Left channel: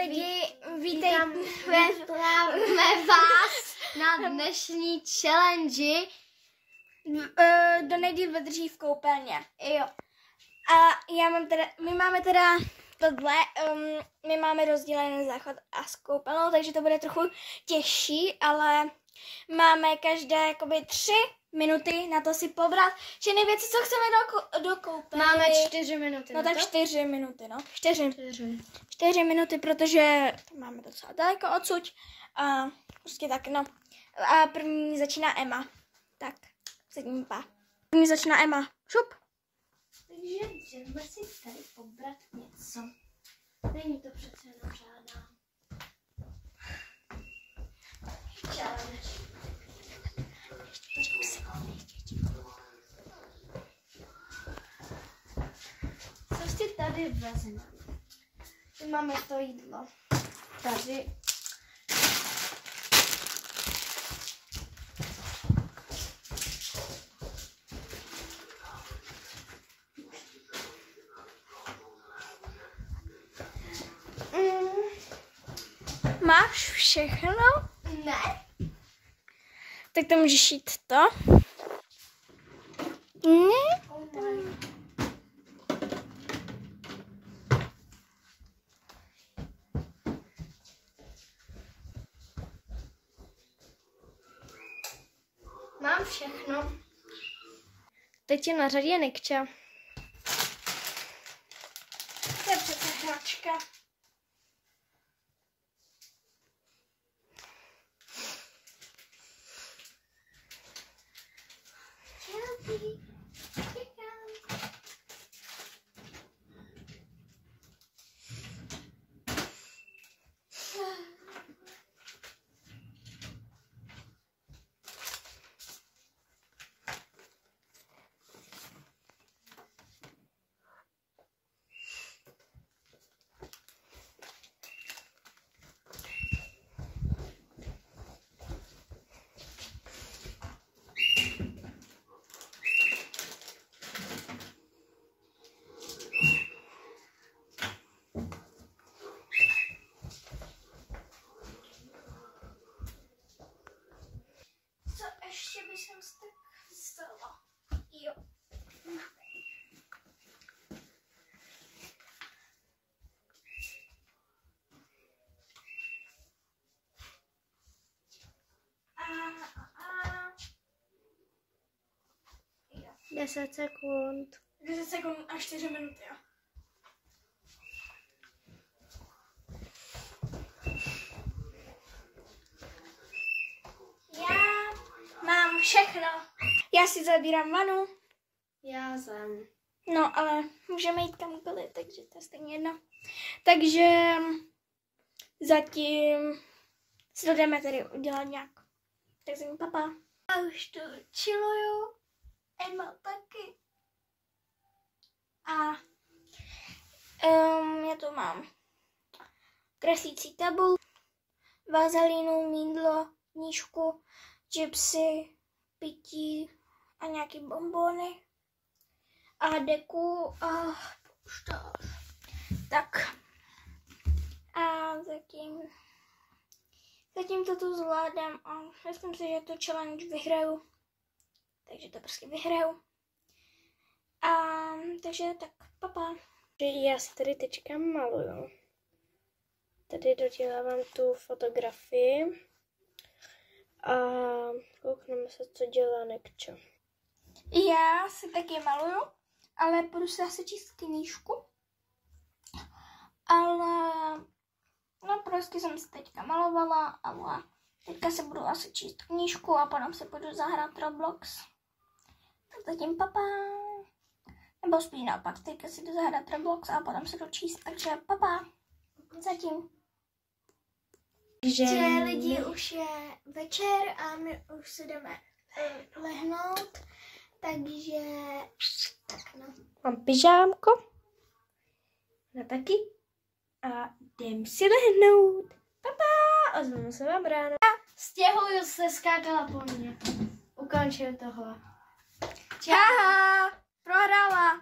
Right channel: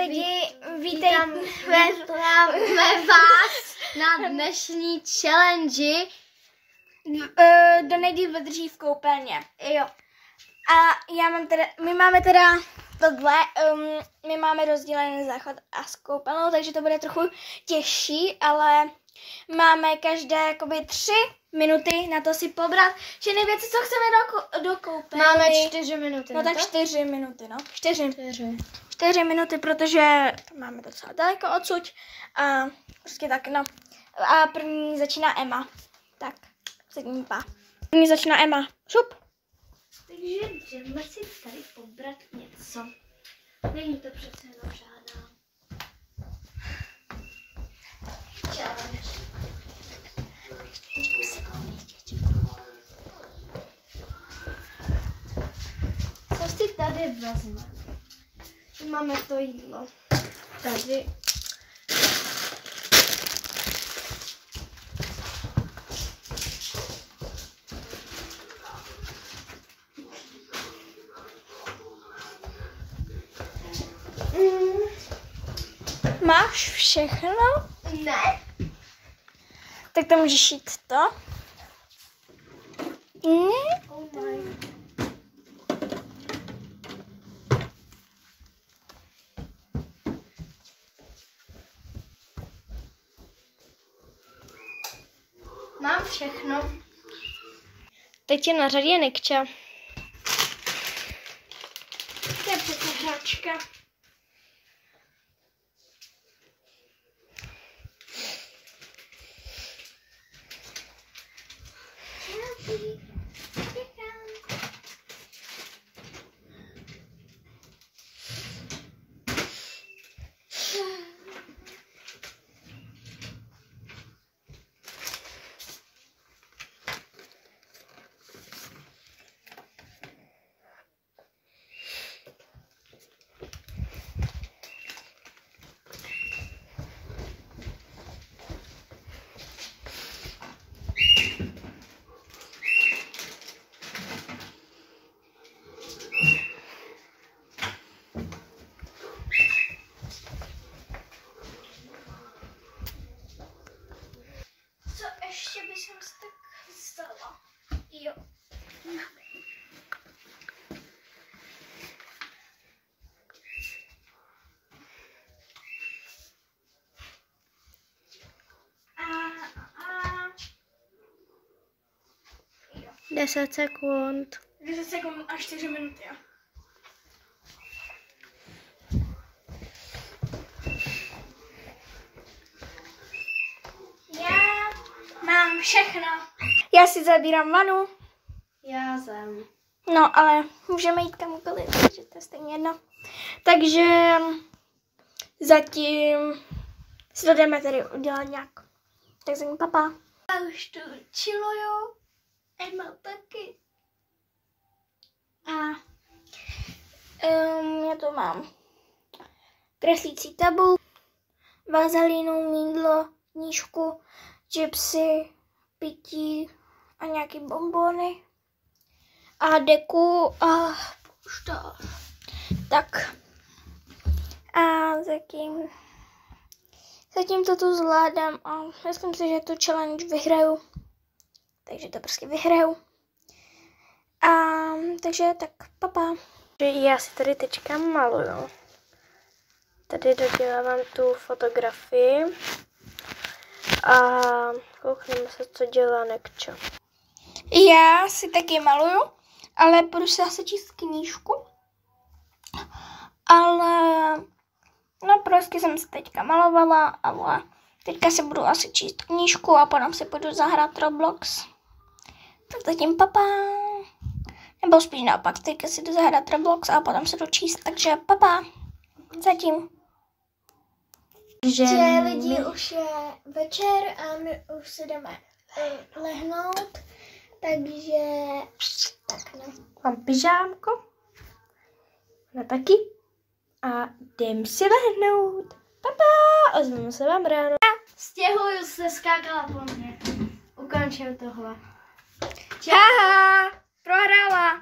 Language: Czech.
lidi, vítáme vás na dnešní challenge. Kdo nejdýl vydrží v koupelně. Jo. A my máme teda tohle, my máme rozdělený záchod a s koupelnou, takže to bude trochu těžší, ale máme každé jakoby 3 minuty na to si pobrat všechny věci, co chceme do koupelny. Máme 4 minuty. No tak 4 minuty, no. 4 minuty, protože to máme docela daleko odsud. A prostě tak, no. A první začíná Emma. Tak, sedím pa. První začíná Emma. Šup. Takže jdeme si tady pobrat něco. Není to přece jenom žádná challenge. Co si tady vezmeme? Máme to jídlo. Tady. Máš všechno? Ne. Tak to můžeš jít to. Ne? Oh my. Mám všechno. Teď je na řadě Nikča. To je přece hráčka. Ještě bych se tak vstala. Jo. Jo. 10 sekund. 10 sekund a 4 minuty, jo. Mám všechno. Já si zabírám vanu. Já jsem. No, ale můžeme jít kamkoliv, takže to je stejně jedno. Takže zatím si to jdeme tady udělat nějak. Tak zatím papa. Já už tu chilluju. Emma taky. A já tu mám kreslící tabul, vazelínu, mýdlo, knížku, chipsy, pití a nějaký bonbony a deku a polštář. Tak a zatím to tu zvládám a myslím si, že tu challenge vyhraju. Takže to prostě vyhraju. A takže tak papa. Já si tady teďka maluju. Tady dodělávám tu fotografii. A koukneme se, co dělá Nekča. Já si taky maluju, ale budu si asi číst knížku. Ale no prostě jsem si teďka malovala, ale teďka si budu asi číst knížku a potom si budu zahrát Roblox. Tak zatím papa. Nebo spíš naopak, teďka si jdu zahrát Roblox a potom se jdu číst, takže papa. Zatím. Že lidi už je večer a my už si jdeme lehnout, takže tak no. Mám pyžámko. Ona taky. A jdem si lehnout. Papa, ozveme se vám ráno. Stěhuju se, skákala po mně. Ukončil tohle. Haha, prohrála.